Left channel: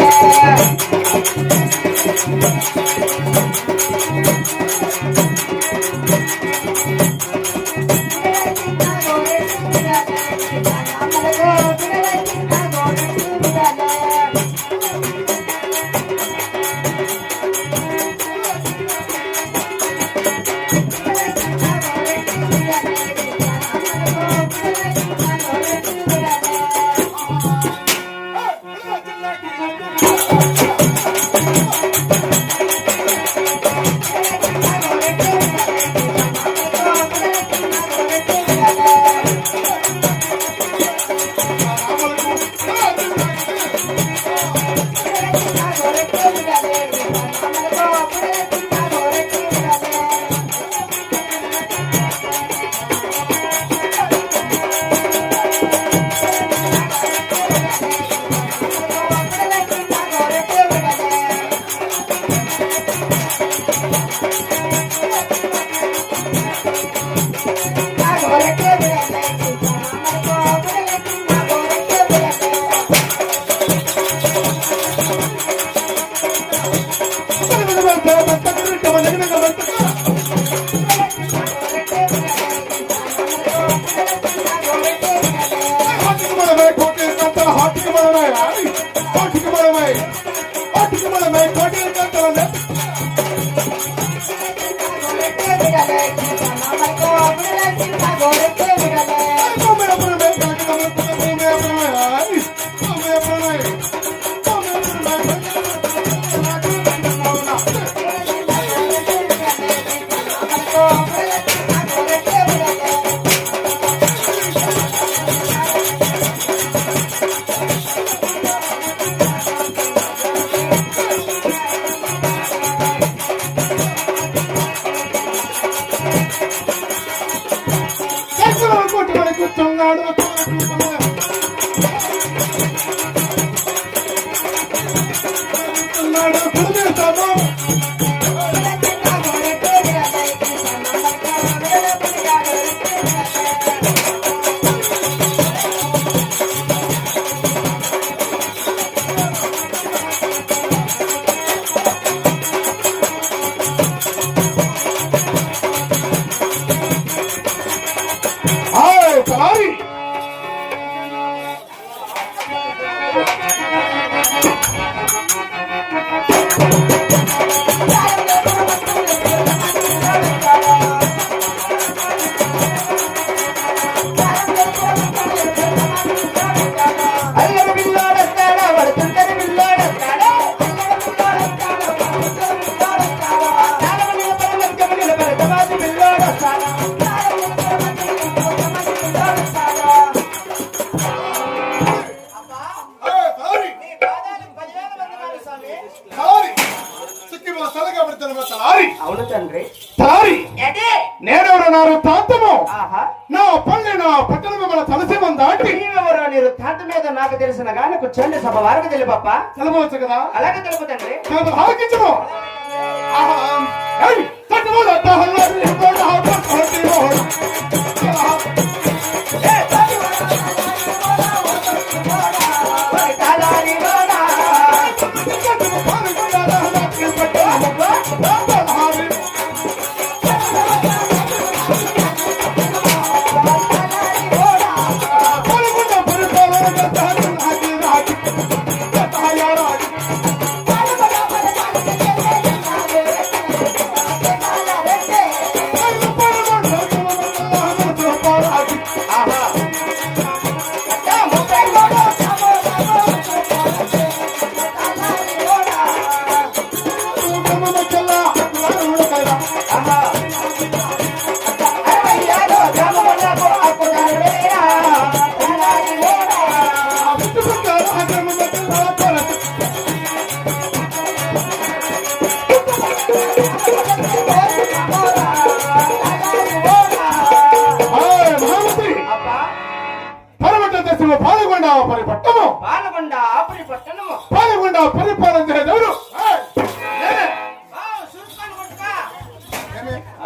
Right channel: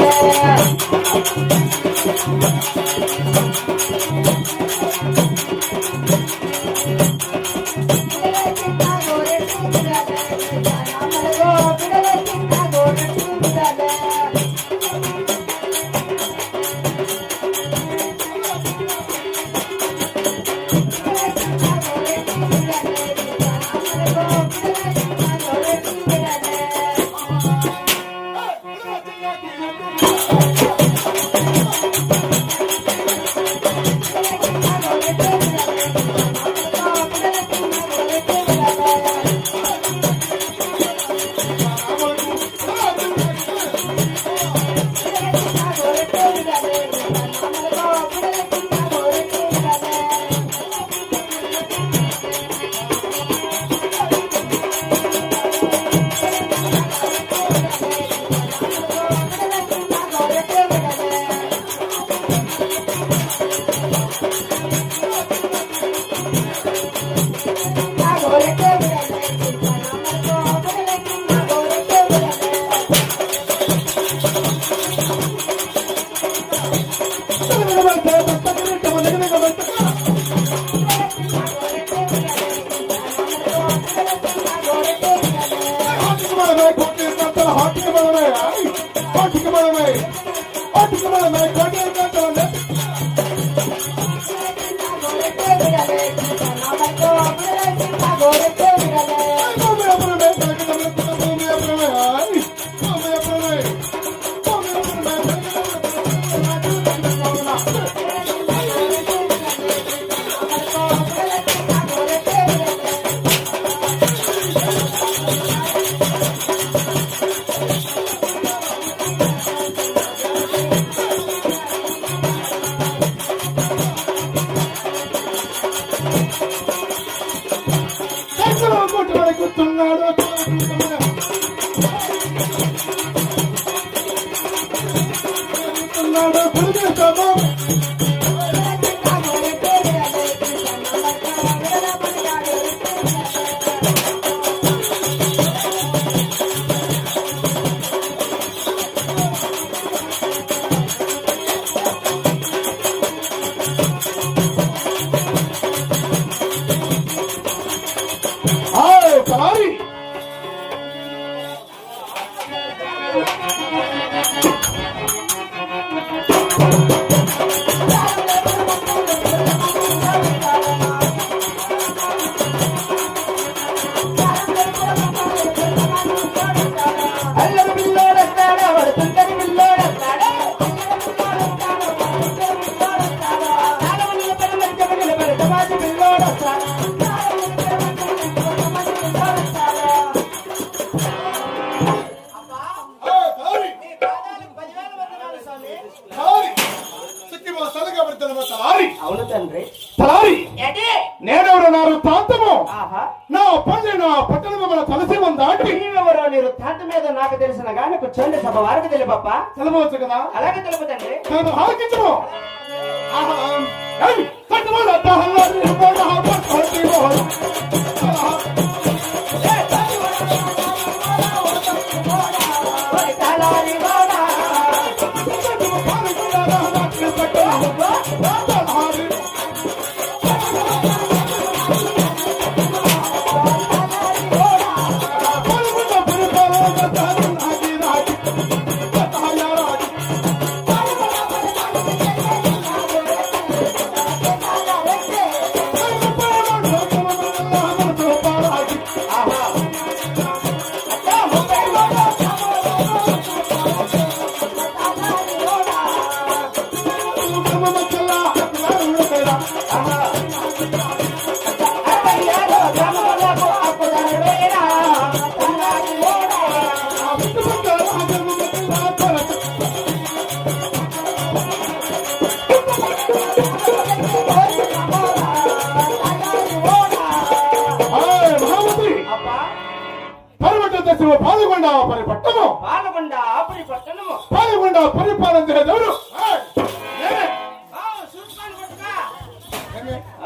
Thank you. Porque కూర్చున్నాడు కూర్చున్నాడు తారి. అవును తండ్రి. తారి. అదే నేనెవరున్నారు తాంతము. ఆహా. నా పల్లె నా పట్టణము మన తలసేమం దాటి. నీవెవరో నీరు తాత మీద నాకు తెలిసిన గాని కూర్చోండి సభ వారికి తెలిపప్ప తెలవచ్చు కదా? అలాగే తెలుపు తండ్రి. నేను హాకించము ఆహా ఆపరి పట్టము పాలకొండ ఆపరి పట్టణము. పాలకొండ పరిపాలన చేసేదెవరు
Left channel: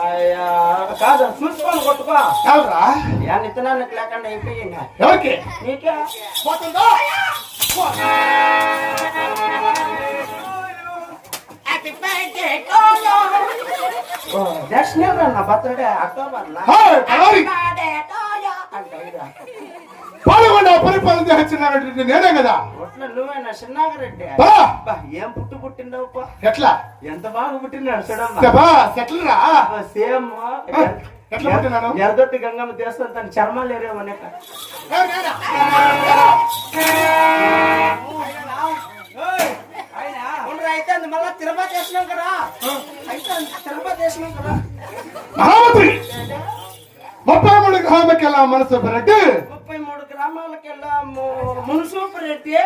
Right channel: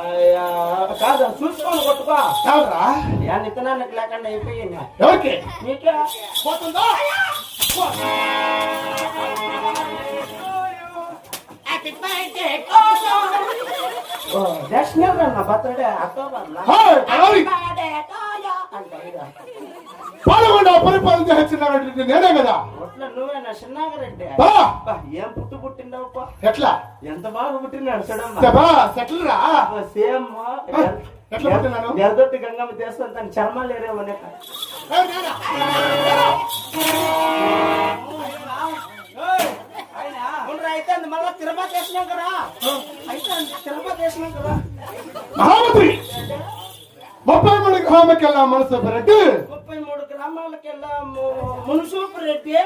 అయ్యా కాదు చూసుకోని కొట్టుకో. కాదురా. యా నిత్తనానికి లేకుండా అయిపోయింది ఎవరికి? నీకే? పోతుందో? దర్శనం నా అక్టోబర్ పాల్గొండ పరిపాలన చేసినటువంటి నేనే కదా. ఒట్ల నువ్వేనా చిన్నాగరెడ్డి? బా అబ్బా, ఏం పుట్టు పుట్టిండవు ఎట్లా? ఎంత బాగా పుట్టినాడు చూడమ్మా. శబా సెటిల్ రా సేమ్. ఎట్లా పుట్టినాను? ఎర్దొట్టి గంగమ్మ చేస్తాను తన చర్మాలు ఏరేమనే? అయితే మళ్ళా తిరుపతి వేసినాం కదా. అయితే తిరుపతి వేసినాం కదా. మహామంత్రి. ముప్పై మూడు గ్రామకెళ్ళ మనసు రెడ్డి ಕಮಲಕ್ಕೆಲ್ಲ ಮುನ್ಸೂಪ್ ರೇಟ್ಗೆ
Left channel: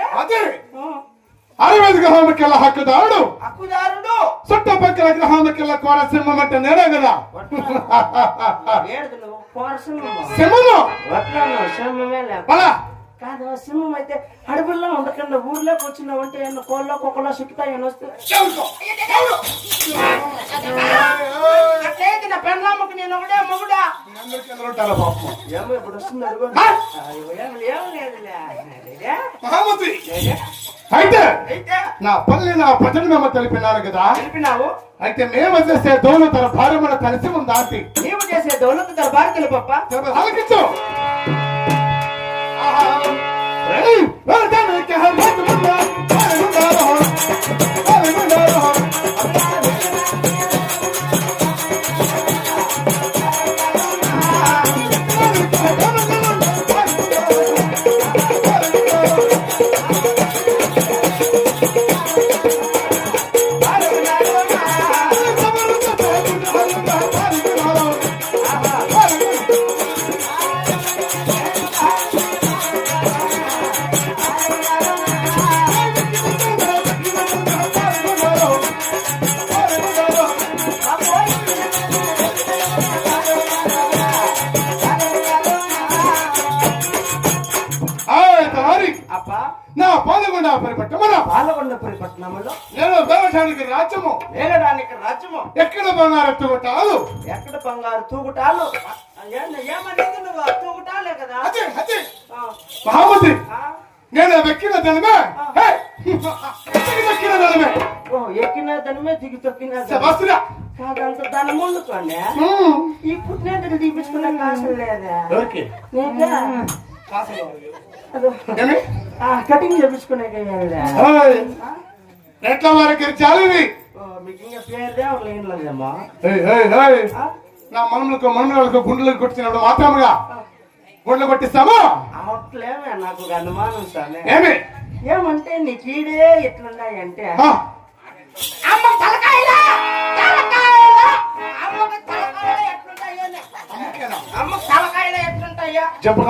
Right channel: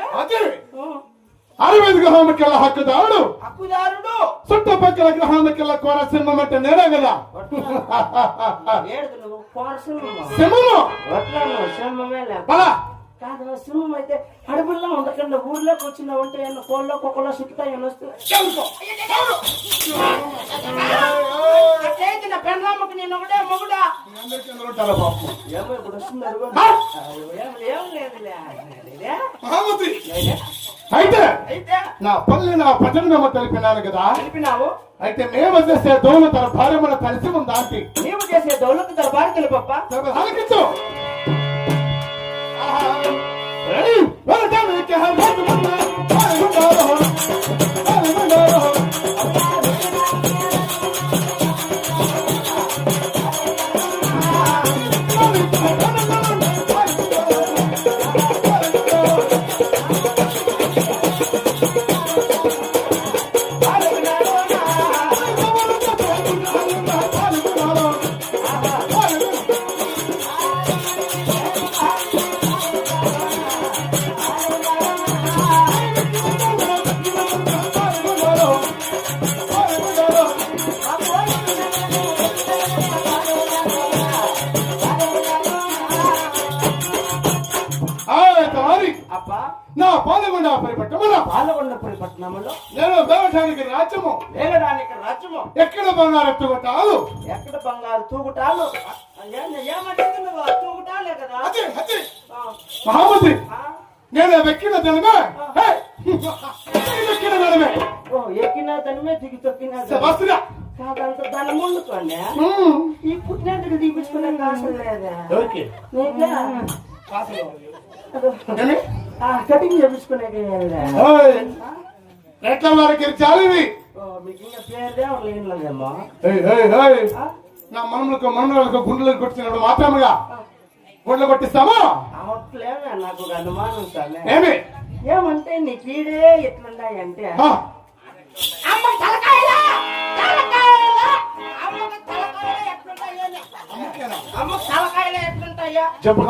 ಅರವಿಂದ ಗ್ರಹಣಕ್ಕೆಲ್ಲ ಹಾಕಿದ ಅರಡು ಹಕ್ಕುದಾರಡು. ಸುಟ್ಟ ಪಕ್ಕದ ಗ್ರಹಣಕ್ಕೆಲ್ಲ ಕೋರ ಸಿಂಹ ಮಟ್ಟ ನೆರಗದ ಸಿಂಹನು. ಸಿಂಹ కాదు సింహం అయితే అడవుల్లో ఉండకుండా ఊర్లోకి వచ్చినావు అంటే ఎన్న కోళ్ళ కుక్కలో చుట్టుతాయి అని వస్తే అట్లయితే నా పెళ్ళమ్మకు నేను ఒకటే మొగుడా. ఏమో ఇప్పుడు వస్తుంది? అయితే అయితే నా పల్లి నా ప్రజలు మేము తెలిపినారు కదా. తెలిపినావు? అయితే మేము చేసే దోలు తన భార్య మన కలిసి ఉందా ఆంటీ? నీవు చేసే దౌలత్ తెలుపప్ప. చెప్పు, ఆలకించు. ఆహా. Ei, eu também quero mais నా పాల్గొండ పరిపట్టమున పాలకొండపురి పట్టణంలో నేను దేవటానికి రాజ్యము. వేగడానికి రాజ్యము. ఎక్కడ బంగారత్తు కొట్టాలు ఎక్కడ బంగారు తూగుటాలు ఏమనేది నువ్వు? తూగుటాలే కదా. అదే అదే. ఆ? నేను వెక్కిన ధనమే. హే, వెక్కిన ధనమే? ఓ ఎక్కిన దానిమే దిగి తొక్కిన దాని- సెబాస్టియా కాదంత దాని ముందుకోండి హ్మ్. ఈ పుట్టినందుకు తీపించుకునే కాసు లేదా. కటింగ్ చేపించుకునే ఎట్లా ఏయ్. నా మనములకు మనములకు గుండెలకు కొట్టినప్పుడు మాత్రముగా గుండెలు కొట్టిస్తామా నాకు అనుమానం సార్ ఏమి? ఏమంటే నీ కీడే ఎట్లున్నాయంటే అమ్మ తలకాయలా? ఎట్లుంటాయో అమ్మ తలకాయలు ఎట్లుంటాయో? చెప్పు.